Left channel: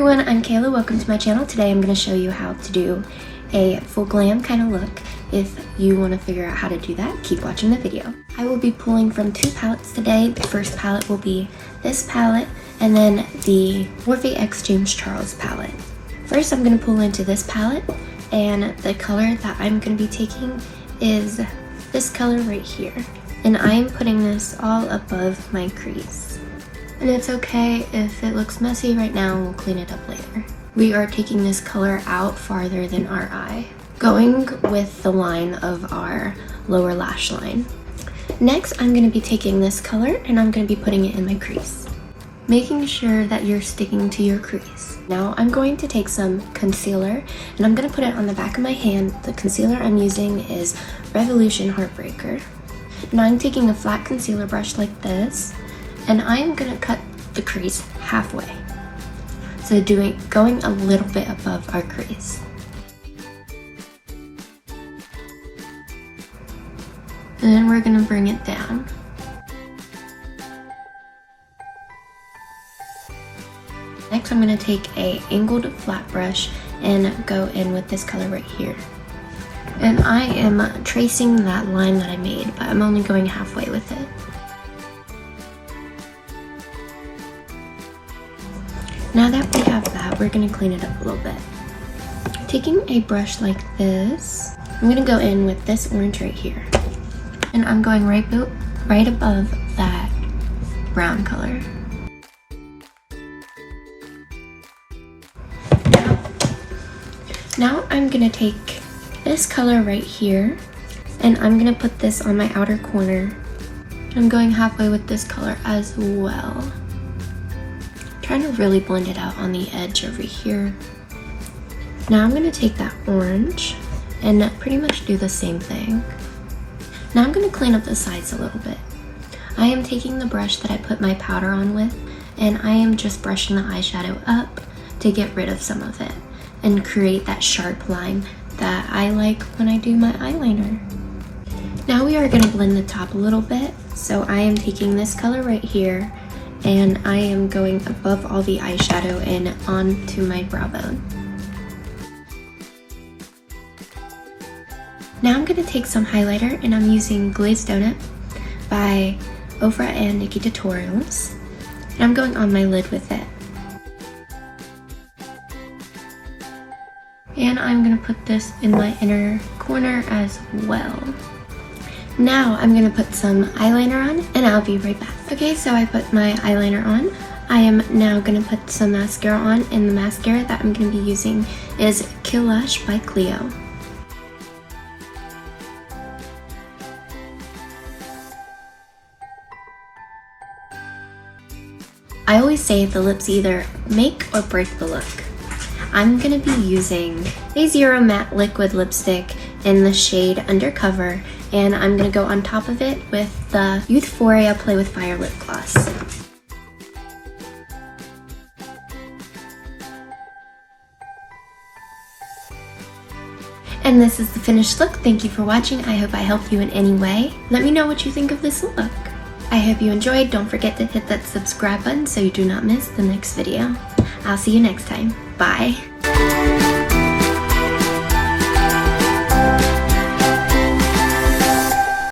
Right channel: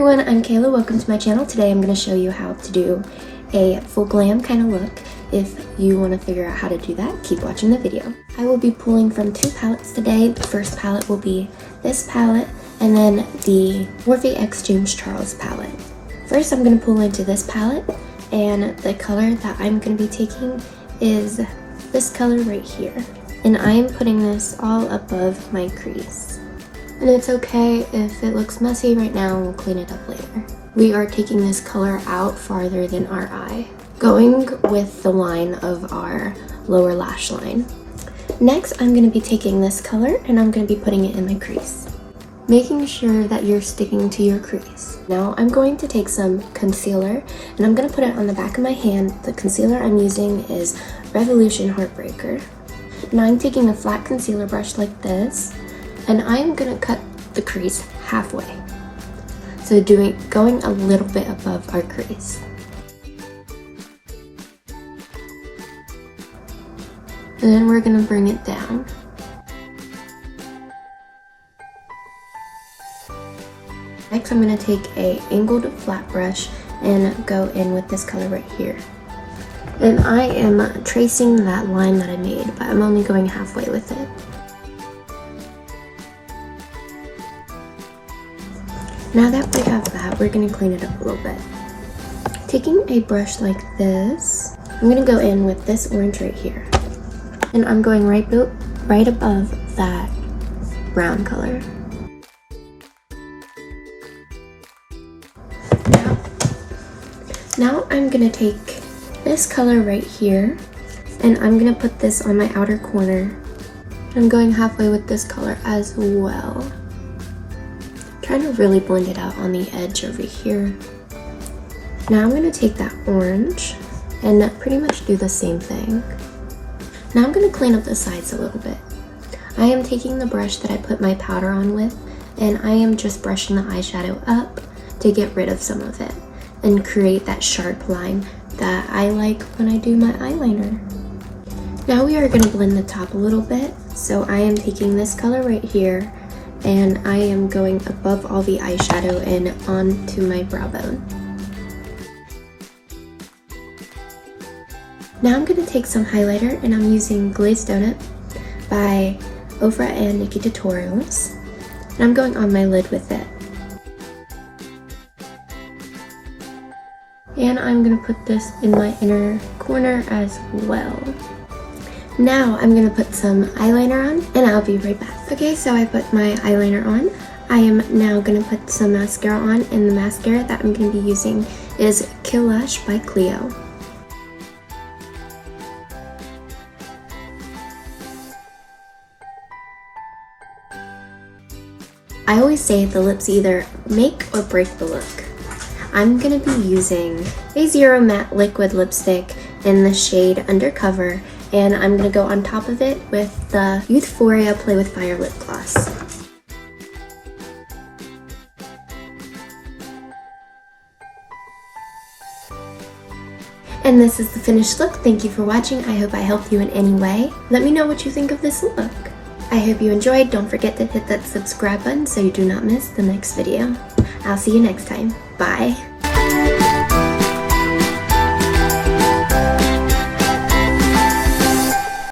everyone, I'm Kayla. Welcome to my channel. Today I'm going to show you how to do a full glam kind of look. If you want to figure out how to do that, keep watching the video. I will be pulling from two palettes today. The first palette will be this palette and then the Morphe X James Charles palette. First I'm going to pull into this palette, and the color that I'm going to be taking is this color right here. And I am putting this all above my crease. And it's okay if it looks messy right now, we'll clean it up later. We are taking this color out farther than our eye, going with the line of our lower lash line. Next, I'm going to be taking this color and I'm going to be putting it in my crease, making sure that you're sticking to your crease. Now I'm going to take some concealer and I'm going to put it on the back of my hand. The concealer I'm using is Revolution Heartbreaker. Now I'm taking a flat concealer brush like this, and I am going to cut the crease halfway. So going a little bit above our crease. And then we're going to bring it down. Next I'm going to take a angled flat brush and go in with this color right here. And I am tracing that line that I made, but I'm only going halfway with it. Now that we have that, we're going to clean it up a little bit. Taking a brush like this, I'm going to go in with this orange right here. And I'm going right above that brown color. Now I'm going to take this color right here, and I'm going to put this on my outer corner. I'm going halfway with this color as well. Trying to really blend it out on the edge over here. Now I'm going to take that orange and pretty much do the same thing. Now I'm going to clean up the sides a little bit. I am taking the brush that I put my powder on with, and I am just brushing the eyeshadow up to get rid of some of it and create that sharp line that I like when I do my eyeliner. Now we are going to blend the top a little bit. So I am taking this color right here, and I am going above all the eyeshadow and onto my brow bone. Now I'm going to take some highlighter, and I'm using Glazed Donut by Ofra and Nikki Tutorials. And I'm going on my lid with it. And I'm going to put this in my inner corner as well. Now I'm going to put some eyeliner on, and I'll be right back. Okay, so I put my eyeliner on. I am now going to put some mascara on, and the mascara that I'm going to be using is Kill Lash by Clio. I always say the lips either make or break the look. I'm going to be using a Zero Matte Liquid Lipstick in the shade Undercover, and I'm going to go on top of it with the Youthforia Play with Fire Lip Gloss. And this is the finished look. Thank you for watching. I hope I helped you in any way. Let me know what you think of this look. I hope you enjoyed. Don't forget to hit that subscribe button so you do not miss the next video. I'll see you next time. Bye.